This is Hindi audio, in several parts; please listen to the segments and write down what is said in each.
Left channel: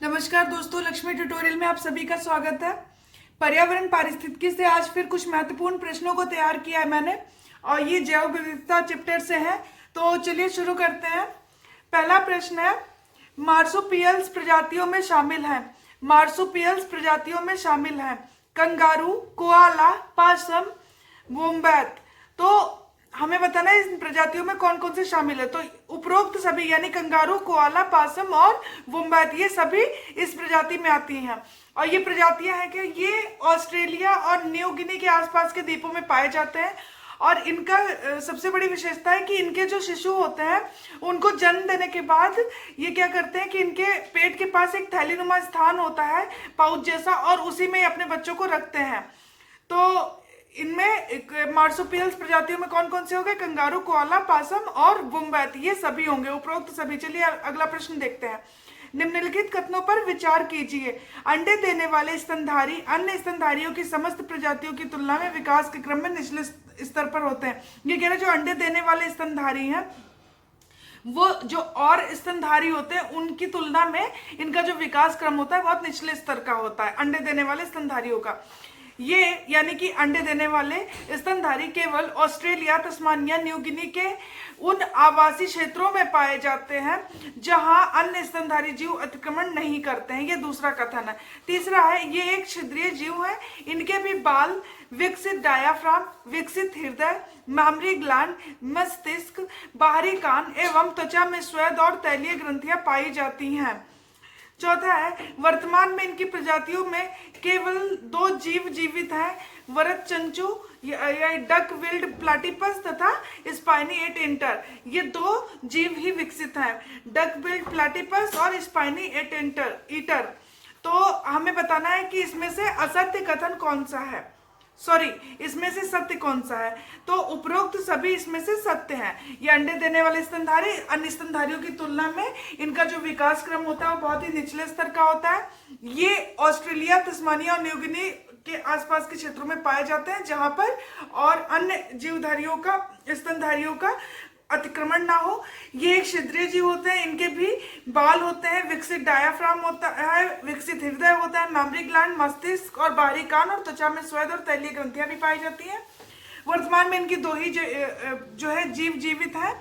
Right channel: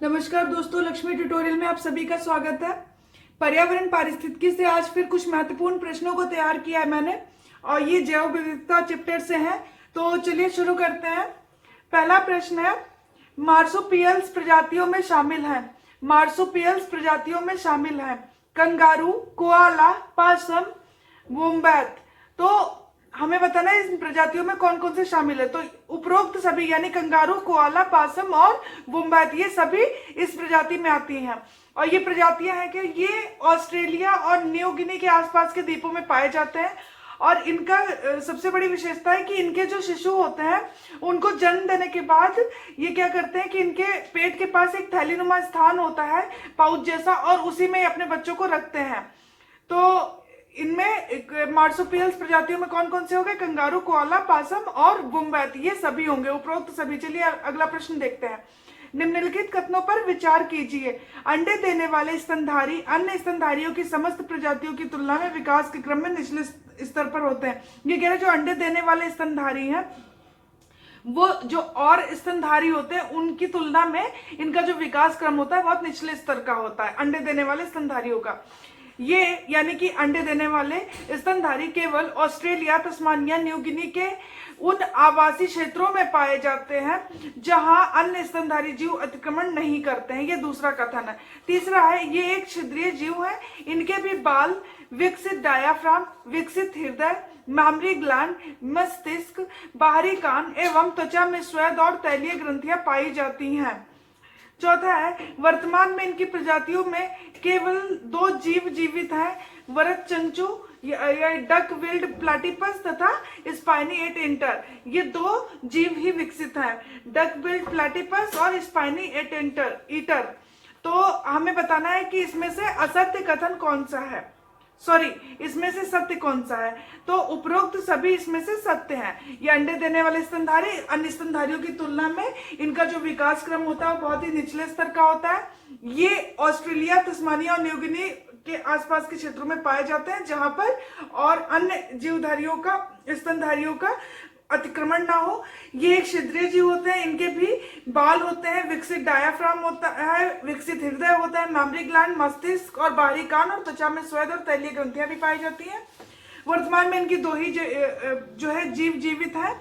नमस्कार दोस्तों, लक्ष्मी ट्यूटोरियल में आप सभी का स्वागत है। पर्यावरण पारिस्थितिकी से आज फिर कुछ महत्वपूर्ण प्रश्नों को तैयार किया है मैंने, और ये जैव विविधता चैप्टर से है। तो चलिए शुरू करते हैं। पहला प्रश्न है, मार्सुपियल्स प्रजातियों में शामिल है। मार्सुपियल्स प्रजातियों में शामिल है कंगारू, कोआला, पासम, वोम्बैट। तो हमें बताना है इन प्रजातियों में कौन कौन से शामिल है। तो उपरोक्त सभी यानी कंगारू, कोआला, पासम और वोम्बैट ये सभी इस प्रजाति में आती हैं। और ये प्रजातियां हैं कि ये ऑस्ट्रेलिया और न्यू गिनी के आसपास के द्वीपों में पाए जाते हैं। और इनका सबसे बड़ी विशेषता है कि इनके जो शिशु होते हैं उनको जन्म देने के बाद ये क्या करते हैं कि इनके पेट के पास एक थैलीनुमा स्थान होता है, पाउच जैसा, और उसी में अपने बच्चों को रखते हैं। तो इनमें मार्सुपियल्स प्रजातियों में कौन कौन से हो गए? कंगारू, कोआला, पासम और वोम्बैट, ये सभी होंगे, उपरोक्त सभी। चलिए अगला प्रश्न देखते हैं। निम्नलिखित कथनों पर विचार कीजिए। अंडे देने वाले स्तनधारी अन्य स्तनधारियों की समस्त प्रजातियों की तुलना में विकास के क्रम में निचले स्तर पर होते हैं। ये कह रहे जो अंडे देने वाले स्तनधारी हैं वो जो और स्तनधारी होते हैं उनकी तुलना में इनका जो विकास क्रम होता है बहुत निचले स्तर का होता है अंडे देने वाले स्तनधारियों का। ये यानी कि अंडे देने वाले स्तनधारी केवल ऑस्ट्रेलिया, तस्मानिया, न्यू गिनी के उन आवासीय क्षेत्रों में पाए जाते हैं जहां अन्य स्तनधारी जीव अतिक्रमण नहीं करते हैं। ये दूसरा कथन है। तीसरा है, ये एक छिद्रीय जीव है। इनके भी बाल, विकसित डायाफ्राम, विकसित हृदय, मामरी ग्लैंड, मस्तिष्क, बाहरी कान एवं त्वचा में स्वेद और तैलीय ग्रंथियां पाई जाती हैं। चौथा है, वर्तमान में इनकी प्रजातियों में केवल 2 जीव जीवित हैं, वरत चंचू या डक विल्ड प्लाटिपस तथा स्पाइनी एट इंटर। ये 2 जीव ही विकसित हैं, डक विल्ड प्लाटिपस और स्पाइनी एट ईटर। तो हमें बताना है कि इसमें से असत्य कथन कौन सा है, इसमें से सत्य कौन सा है। तो उपरोक्त सभी इसमें से सत्य हैं। ये अंडे देने वाले स्तनधारी अन्य स्तनधारियों की तुलना में इनका जो विकास क्रम होता है वो बहुत ही निचले स्तर का होता है। ये ऑस्ट्रेलिया, तस्मानिया और न्यू गिनी के आसपास के क्षेत्रों में पाए जाते हैं जहां पर और अन्य जीवधारियों का, स्तनधारियों का अतिक्रमण ना हो। ये एक छिद्रीय जीव होते हैं। इनके भी बाल होते हैं, विकसित डायाफ्राम होता है, विकसित हृदय होता है, मेमोरी ग्लैंड, मस्तिष्क और बाहरी कान और त्वचा में स्वेद और तैलीय ग्रंथियां भी पाई जाती हैं। वर्तमान में इनकी 2 ही जो है जीव जीवित है।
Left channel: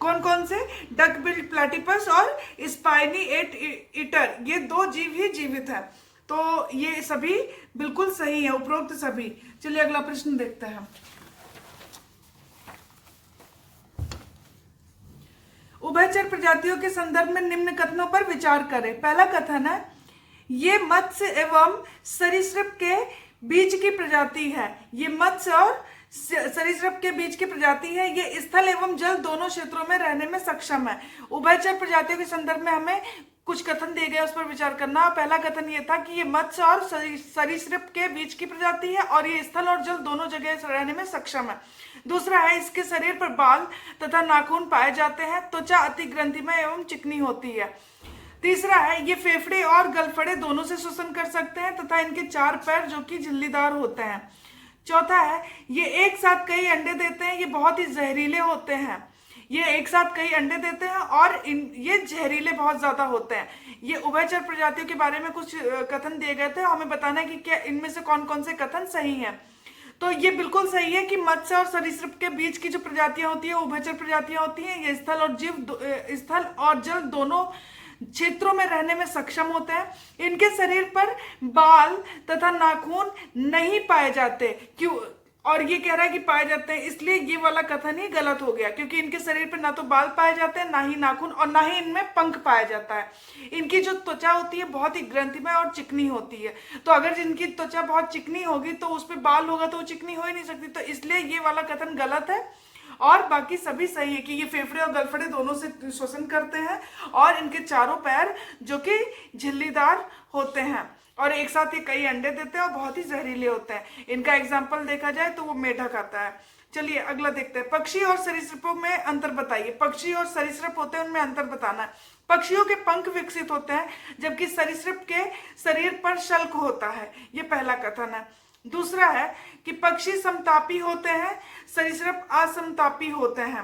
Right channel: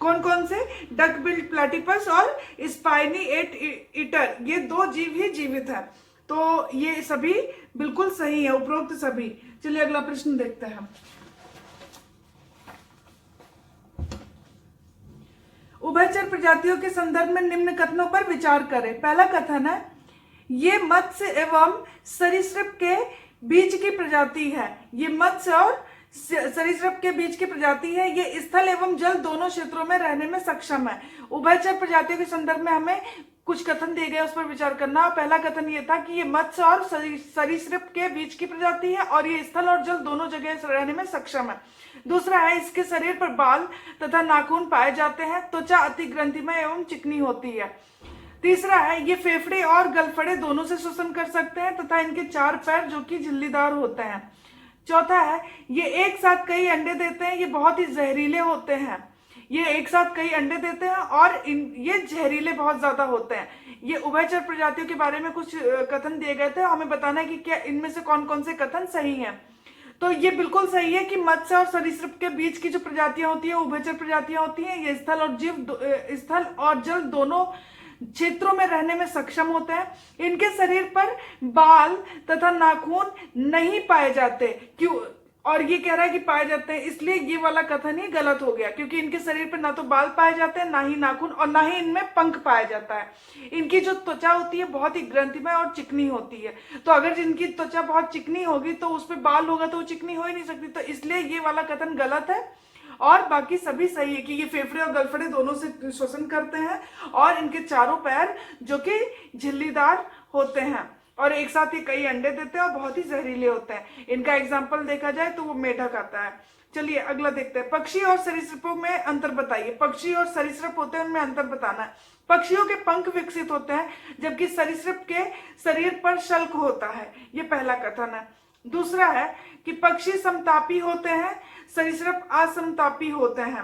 कौन कौन से? डक बिल्ड प्लाटिपस और स्पाइनी एट ईटर, ये 2 जीव ही जीवित है। तो ये सभी बिल्कुल सही है, उपरोक्त सभी। चलिए अगला प्रश्न देखते हैं। उभयचर प्रजातियों के संदर्भ में निम्न कथनों पर विचार करें। पहला कथन है, ये मत्स्य एवं सरीसृप के बीच की प्रजाति है। ये मत्स्य और सरीसृप के बीच की प्रजाति है। ये स्थल एवं जल दोनों क्षेत्रों में रहने में सक्षम है। उभयचर प्रजातियों के संदर्भ में हमें कुछ कथन दिए गए, उस पर विचार करना। पहला कथन ये था कि ये मत्स्य और सरीसृप के बीच की प्रजाति है और ये स्थल और जल दोनों जगह रहने में सक्षम है। दूसरा है, इसके शरीर पर बाल तथा नाखून पाए जाते हैं। त्वचा अति ग्रंथिमय एवं चिकनी होती है। तीसरा है, ये फेफड़े और गलफड़े दोनों से श्वसन कर सकते हैं तथा इनके 4 पैर जो कि झिल्लीदार होते हैं। चौथा है, ये एक साथ कई अंडे देते हैं। ये बहुत ही जहरीले होते हैं। ये एक साथ कई अंडे देते हैं और ये जहरीले बहुत ज्यादा होते हैं। ये उभयचर प्रजातियों के बारे में कुछ कथन दिए गए थे, हमें बताना है कि क्या इनमें से कौन कौन से कथन सही हैं। तो ये बिल्कुल सही है कि मत्स्य और सरीसृप के बीच की जो प्रजातियां होती है उभयचर प्रजातियां होती हैं। ये स्थल और जल दोनों क्षेत्रों में रहने में सक्षम होते हैं। इनके शरीर पर बाल तथा नाखून नहीं पाए जाते। क्यों? और ये कह रहा है कि पाए जाते हैं, इसलिए ये वाला कथन ही गलत हो गया, क्योंकि इनके शरीर पर ना तो बाल पाए जाते हैं, ना ही नाखून, और ना ही इनमें पंख पाया जाता है। इनकी जो त्वचा होती है बहुत ही ग्रंथिमय और चिकनी होती है। तो अगर इनकी त्वचा बहुत चिकनी होगी तो उस पर बाल होगा तो वो चिकनी हो ही नहीं सकती। तो इसलिए ये वाला कथन गलत है। और बाकी सभी सही है कि ये फेफड़े और गलफड़े दोनों से श्वसन करते हैं और इनके चारों पैर जो कि झिल्लीदार होते हैं और एक साथ ही कई अंडे देते हैं और बहुत ही जहरीले होते हैं। इनका एग्जाम्पल देखा जाए तो वो मेढक आता है। चलिए अगला देखते हैं। पक्षी और सरीसृपों में अंतर बताइए। पक्षी और सरीसृप होते हैं, उनमें अंतर बताना है। पक्षियों के पंख विकसित होते हैं जबकि सरीसृप के शरीर पर शल्क होता है। ये पहला कथन है। दूसरा है कि पक्षी समतापी होते हैं, सरीसृप असमतापी होते हैं।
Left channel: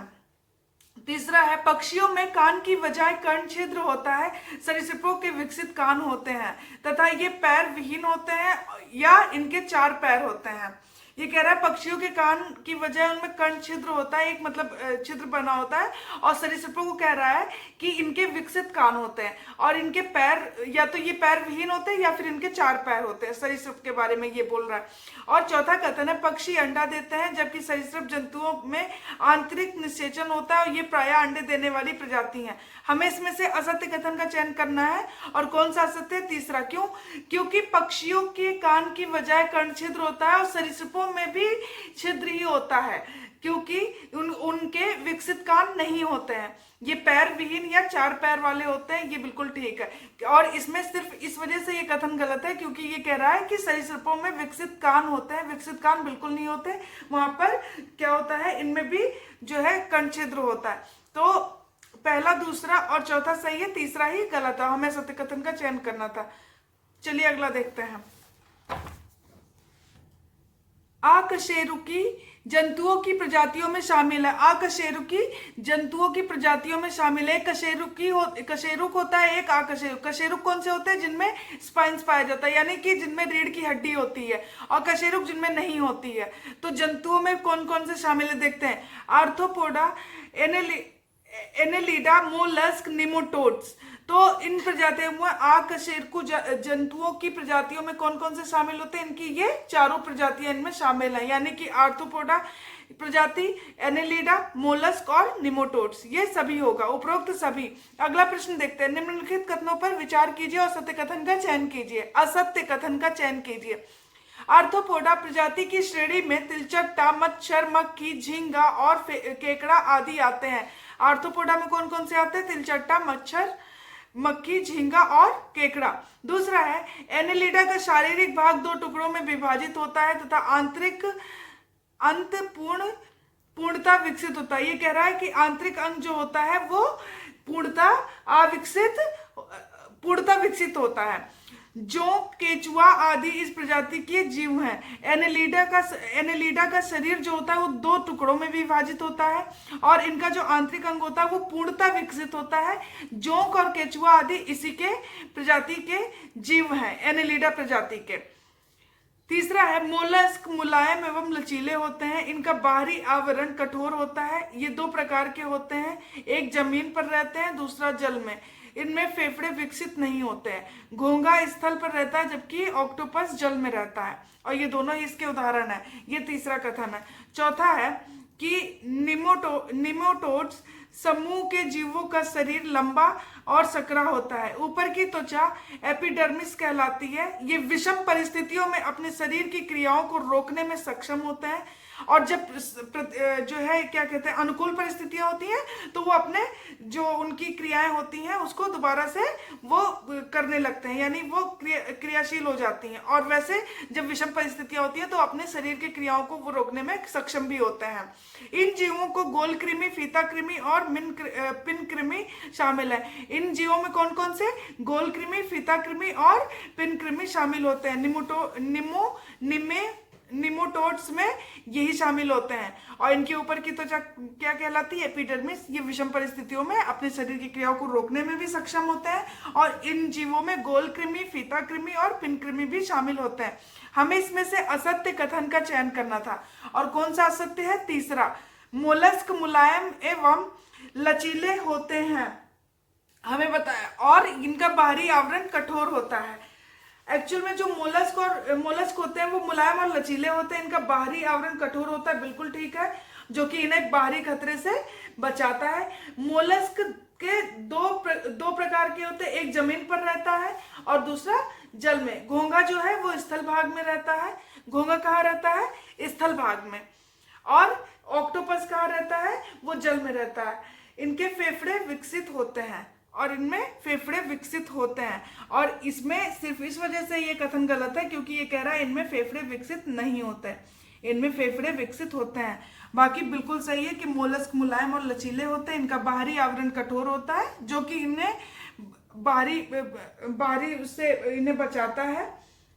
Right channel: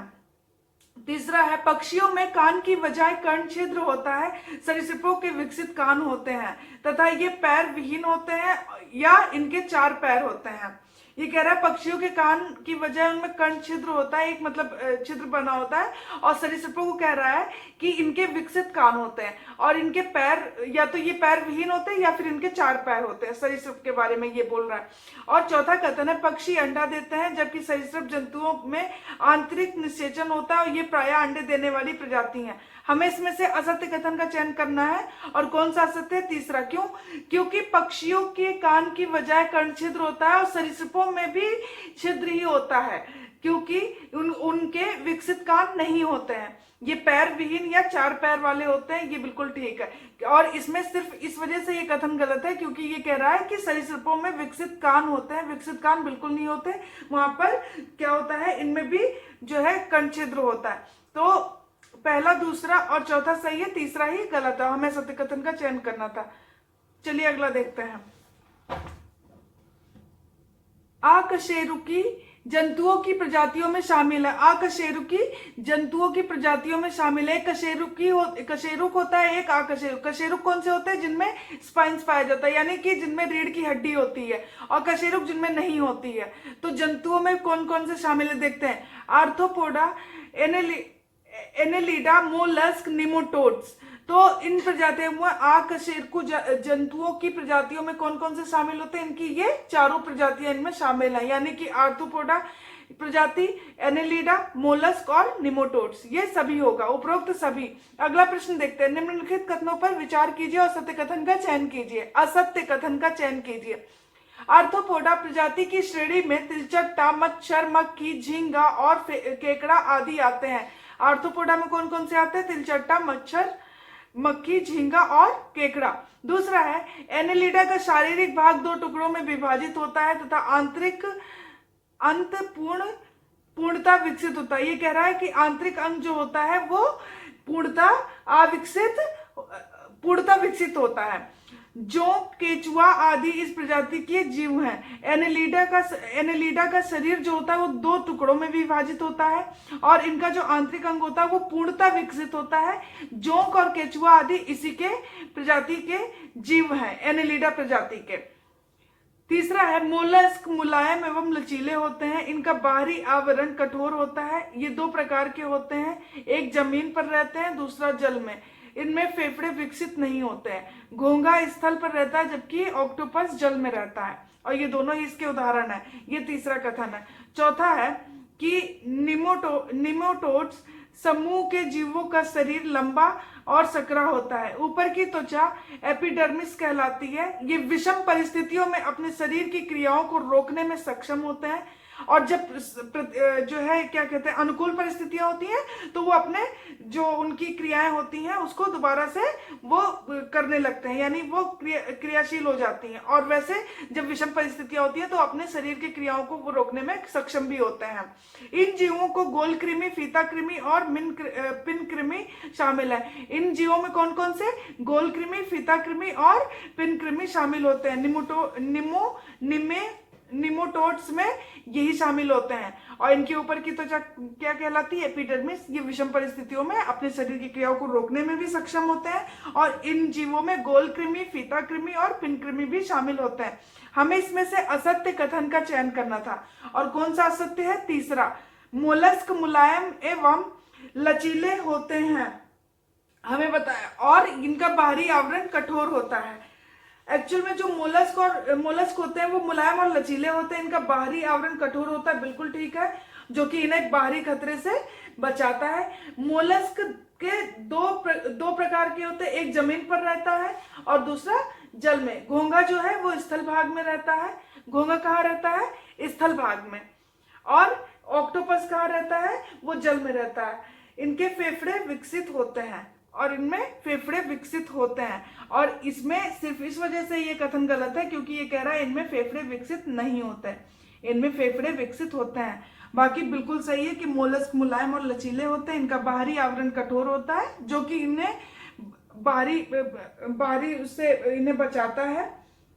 तीसरा है पक्षियों में कान की बजाय कर्ण छिद्र होता है, सरीसृपों के विकसित कान होते हैं तथा ये पैर विहीन होते हैं या इनके 4 पैर होते हैं। ये कह रहा है पक्षियों के कान की वजह उनमें कर्ण छिद्र होता है, एक मतलब छिद्र बना होता है, और सरीसृपों को कह रहा है कि इनके विकसित कान होते हैं और इनके पैर या तो ये पैर विहीन होते हैं या फिर इनके 4 पैर होते हैं। सरीसृप के बारे में ये बोल रहा है। और चौथा कथन है पक्षी अंडा देते हैं जबकि सरीसृप जंतुओं में आंतरिक निषेचन होता है और ये प्रायः अंडे देने वाली प्रजाति है। हमें इसमें से असत्य कथन का चयन करना है। और कौन सा असत्य है? तीसरा। क्यों? क्योंकि पक्षियों के कान की बजाय कर्ण छिद्र होता है और सरीसृपों में भी छिद्र ही होता है क्योंकि उनके विकसित कान नहीं होते हैं। ये पैर विहीन या 4 पैर वाले होते हैं। ये बिल्कुल ठीक है। और इसमें सिर्फ इस वजह से ये कथन गलत है क्योंकि ये कह रहा है कि सरीसृपों में विकसित कान होते हैं। विकसित कान बिल्कुल नहीं होते, वहां पर क्या होता है, इनमें भी जो है कर्ण छिद्र होता है। तो पहला, दूसरा और चौथा सही है, तीसरा ही गलत है। हमें सत्य कथन का चयन करना था। चलिए अगला देखते हैं। अकशेरुकी जंतुओं की प्रजातियों में शामिल है। अकशेरुकी जंतुओं की प्रजातियों में शामिल है। कशेरुक होता है एक अकशेरुक। कशेरुक कौन से होते हैं? जिनमें स्पाइन्स पाया जाता है, यानी कि जिनमें रीढ़ की हड्डी होती है, और कशेरुक जिनमें नहीं होती है। तो जंतुओं में कौन कौन से शामिल है देखते हैं। Arthropoda, Annelida, mollusc, nematodes. तो इन प्रजातियों में अकशेरुकी जंतुओं की प्रजातियों में कौन कौन से शामिल होते हैं? इनकी ये चारों प्रजातियां इनमें शामिल हैं, यानी कि आर्थ्रोपोडा प्रजाति, एनेलिडा, मोलस्क और निमोटोड्स, ये सभी होगा, उपरोक्त सभी। अगला प्रश्न देखते हैं। निम्नलिखित कथनों पर विचार कीजिए और सत्य कथन का चयन कीजिए। असत्य कथन का चयन कीजिए। आर्थ्रोपोडा प्रजाति की श्रेणी में तिलचट्टा, मच्छर, मक्खी, झींगा और केकड़ा आदि आते हैं। आर्थ्रोपोडा में कौन कौन से आते हैं? तिलचट्टा, मच्छर, मक्खी, झींगा और केकड़ा। दूसरा है एनेलिडा का शारीरिक भाग 2 टुकड़ों में विभाजित होता है तथा आंतरिक अंत पूर्णता विकसित होता है। ये कह रहा है कि आंतरिक अंग जो होता है वो पूर्णता विकसित होता है। जोंक, केचुआ आदि इस प्रजाति के जीव हैं। एनेलिडा का शरीर जो होता है वो 2 टुकड़ों में विभाजित होता है और इनका जो आंतरिक अंग होता है वो पूर्णता विकसित होता है। जोंक और केचुआ आदि इसी के प्रजाति के जीव हैं, एनेलिडा प्रजाति के। तीसरा है मोलस्क मुलायम एवं लचीले होते हैं। इनका बाहरी आवरण कठोर होता है। ये 2 प्रकार के होते हैं, एक जमीन पर रहते हैं, दूसरा जल में। इनमें फेफड़े विकसित नहीं होते हैं। घोंघा स्थल पर रहता है जबकि ऑक्टोपस जल में रहता है, और ये दोनों ही इसके उदाहरण है। ये तीसरा कथन है। चौथा है कि निमोटोड्स समूह के जीवों का शरीर लंबा और सकरा होता है। ऊपर की त्वचा एपिडर्मिस कहलाती है। ये विषम परिस्थितियों में अपने शरीर की क्रियाओं को रोकने में सक्षम होते हैं, और जब जो है क्या कहते हैं अनुकूल परिस्थितियां होती हैं तो वो अपने जो उनकी क्रियाएं होती हैं उसको दोबारा से वो करने लगते हैं, यानी वो क्रियाशील हो जाती हैं। और वैसे जब विषम परिस्थितियां होती हैं तो अपने शरीर की क्रियाओं को वो रोकने में सक्षम भी होते हैं। इन जीवों को गोल कृमि, फीता कृमि और पिन कृमि शामिल है। इन जीवों में कौन कौन से? गोल कृमि, फीता कृमि और पिन कृमि शामिल होते हैं। निमोटोड्स में यही शामिल होते हैं। और इनके ऊपर की त्वचा क्या कहलाती है? एपिडर्मिस। ये विषम परिस्थितियों में अपने शरीर की क्रियाओं को रोकने में भी सक्षम होते हैं। और इन जीवों में गोल कृमि, फीता कृमि और पिन कृमि भी शामिल होते हैं। हमें इसमें से असत्य कथन का चयन करना था। और कौन सा असत्य है? तीसरा। मोलस्क मुलायम एवं लचीले होते हैं, हमें बताया, और इनका बाहरी आवरण कठोर होता है। एक्चुअल में जो मोलस्क होते हैं वो मुलायम और लचीले होते हैं, इनका बाहरी आवरण कठोर होता है, बिल्कुल ठीक है, जो कि इन्हें बाहरी खतरे से बचाता है। मोलस्क के दो प्रकार के होते हैं, एक जमीन पर रहता है और दूसरा जल में। घोंघा जो है वो स्थल भाग में रहता है। घोंघा कहाँ रहता है? स्थल भाग में। और ऑक्टोपस कहाँ रहता है? वो जल में रहता है। इनके फेफड़े विकसित होते हैं और इनमें फेफड़े विकसित होते हैं, और इसमें सिर्फ इस वजह से ये कथन गलत है क्योंकि ये कह रहा है इनमें फेफड़े विकसित नहीं होते हैं, इनमें फेफड़े विकसित होते हैं। बाकी बिल्कुल सही है कि मोलस्क मुलायम और लचीले होते हैं, इनका बाहरी आवरण कठोर होता है जो कि इन्हें बाहरी उससे इन्हें बचाता है।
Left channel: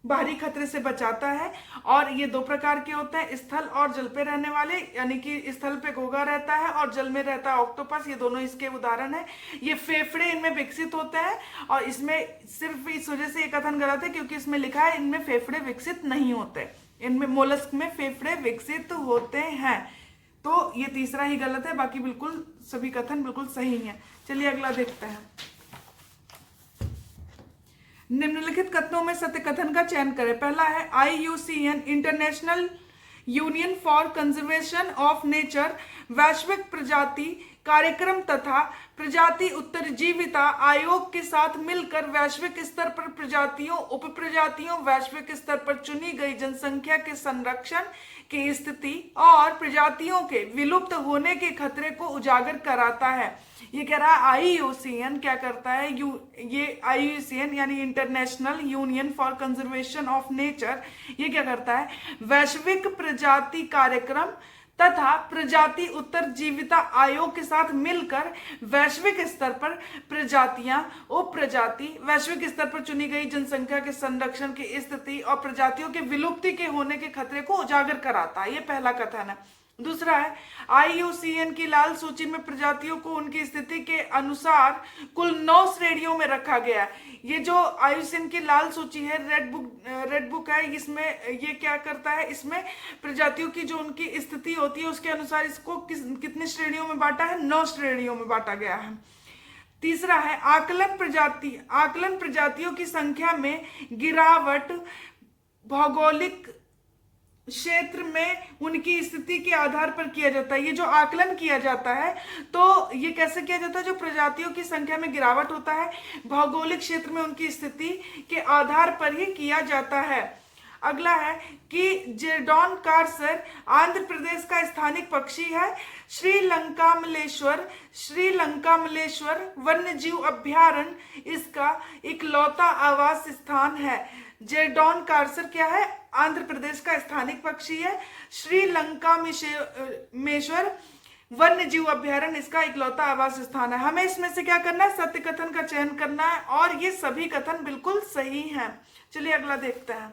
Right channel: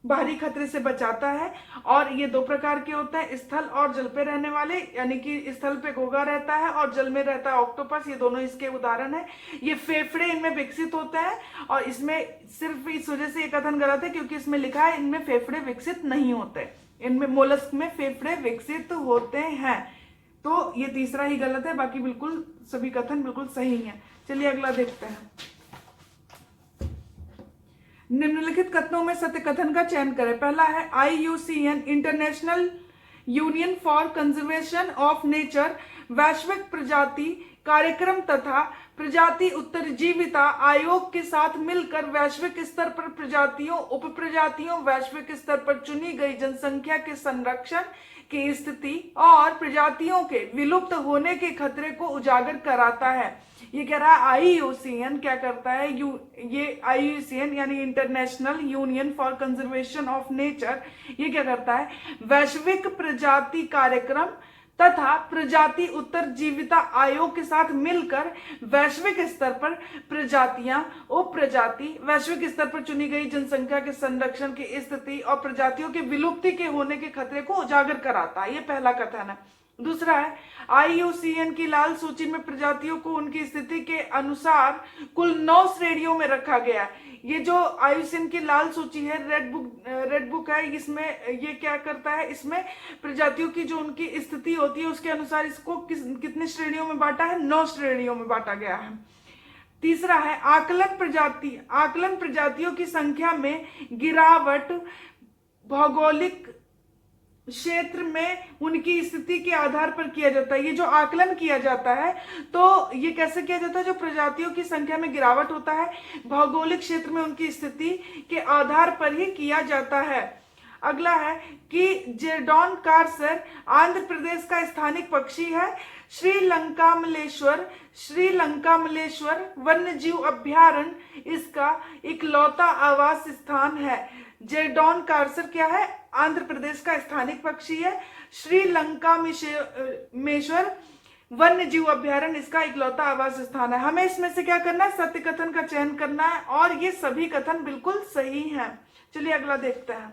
बाहरी खतरे से बचाता है। और ये दो प्रकार के होते हैं, स्थल और जल पे रहने वाले, यानी कि स्थल पे घोंघा रहता है और जल में रहता है ऑक्टोपस, ये दोनों इसके उदाहरण है। ये फेफड़े इनमें विकसित होते हैं, और इसमें सिर्फ इस वजह से ये कथन गलत है क्योंकि इसमें लिखा है इनमें फेफड़े विकसित नहीं होते, इनमें मोलस्क में फेफड़े विकसित होते हैं। तो ये तीसरा ही गलत है, बाकी बिल्कुल सभी कथन बिल्कुल सही है। चलिए अगला देखते हैं। निम्नलिखित कथनों में सत्य कथन का चयन करें। पहला है IUCN international union for conservation of nature वैश्विक प्रजाति कार्यक्रम तथा प्रजाति उत्तरजीविता आयोग के साथ मिलकर वैश्विक स्तर पर प्रजातियों, उप प्रजातियों, वैश्विक स्तर पर चुनी गई जनसंख्या के संरक्षण की स्थिति और प्रजातियों के विलुप्त होने के खतरे को उजागर कराता है। ये कह रहा है IUCN क्या करता है, ये IUCN यानी international union for conservation of nature, ये क्या करता है, वैश्विक प्रजाति कार्यक्रम तथा प्रजाति उत्तरजीविता आयोग के साथ मिलकर वैश्विक स्तर पर प्रजातियां, उप प्रजाति, वैश्विक स्तर पर चुनी गई जनसंख्या के संरक्षण की स्थिति और प्रजातियों के विलुप्ति के होने के खतरे को उजागर कराता है। ये पहला कथन है। दूसरा है IUCN की लाल सूची में प्रजातियों को उनकी स्थिति के अनुसार कुल 9 श्रेणियों में रखा गया है। ये जो IUCN की लाल सूची है, रेड बुक है, इसमें ये क्या करता है, इसमें प्रजातियों की जो उनकी स्थिति होती है उसके अनुसार इसको कितनी श्रेणियों में बांटा है, 9 श्रेणियों में बांटा गया है। तीसरा है आकलन प्रजातियों की संख्या में गिरावट भौगोलिक क्षेत्र में उनकी स्थिति के आधार पर किया जाता है। ये जो आकलन किया जाता है तो ये कैसे किया जाता है, जो प्रजातियों की संख्या में गिरावट होता है भौगोलिक क्षेत्र में उनकी स्थिति के आधार पर ही किया जाता है। अगला है कि जेडॉन कार्सर आंध्र प्रदेश का स्थानिक पक्षी है। श्रीलंका मलेश्वर वन्य जीव अभ्यारण्य इसका इकलौता आवास स्थान है। जेडॉन कार्सर क्या है, आंध्र प्रदेश का स्थानिक पक्षी है। श्रीलंका मेश्वर वन्य जीव अभ्यारण्य इसका इकलौता आवास स्थान है। हमें इसमें से क्या करना है, सत्य कथन का चयन करना है, और ये सभी कथन बिल्कुल सही हैं। चलिए अगला देखते हैं।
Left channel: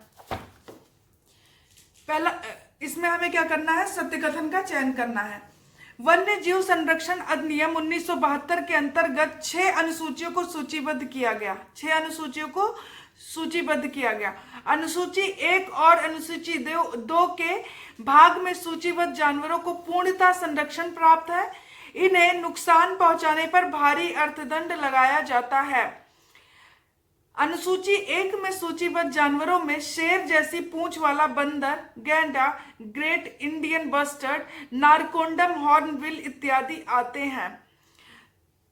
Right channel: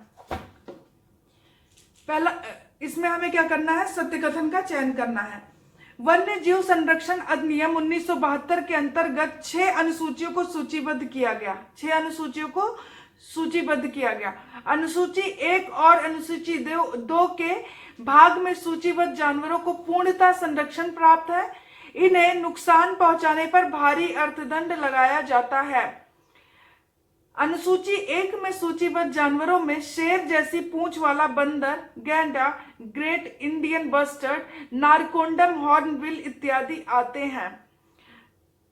पहला, इसमें हमें क्या करना है, सत्य कथन का चयन करना है। वन्य जीव संरक्षण अधिनियम 1972 के अंतर्गत 6 अनुसूचियों को सूचीबद्ध किया गया। 6 अनुसूचियों को सूचीबद्ध किया गया। अनुसूची 1 और अनुसूची 2 के भाग में सूचीबद्ध जानवरों को पूर्णतः संरक्षण प्राप्त है। इन्हें नुकसान पहुंचाने पर भारी अर्थदंड लगाया जाता है। अनुसूची 1 में सूचीबद्ध जानवरों में शेर जैसी पूंछ वाला बंदर, गैंडा, great Indian bustard, Narcondam hornbill इत्यादि आते हैं।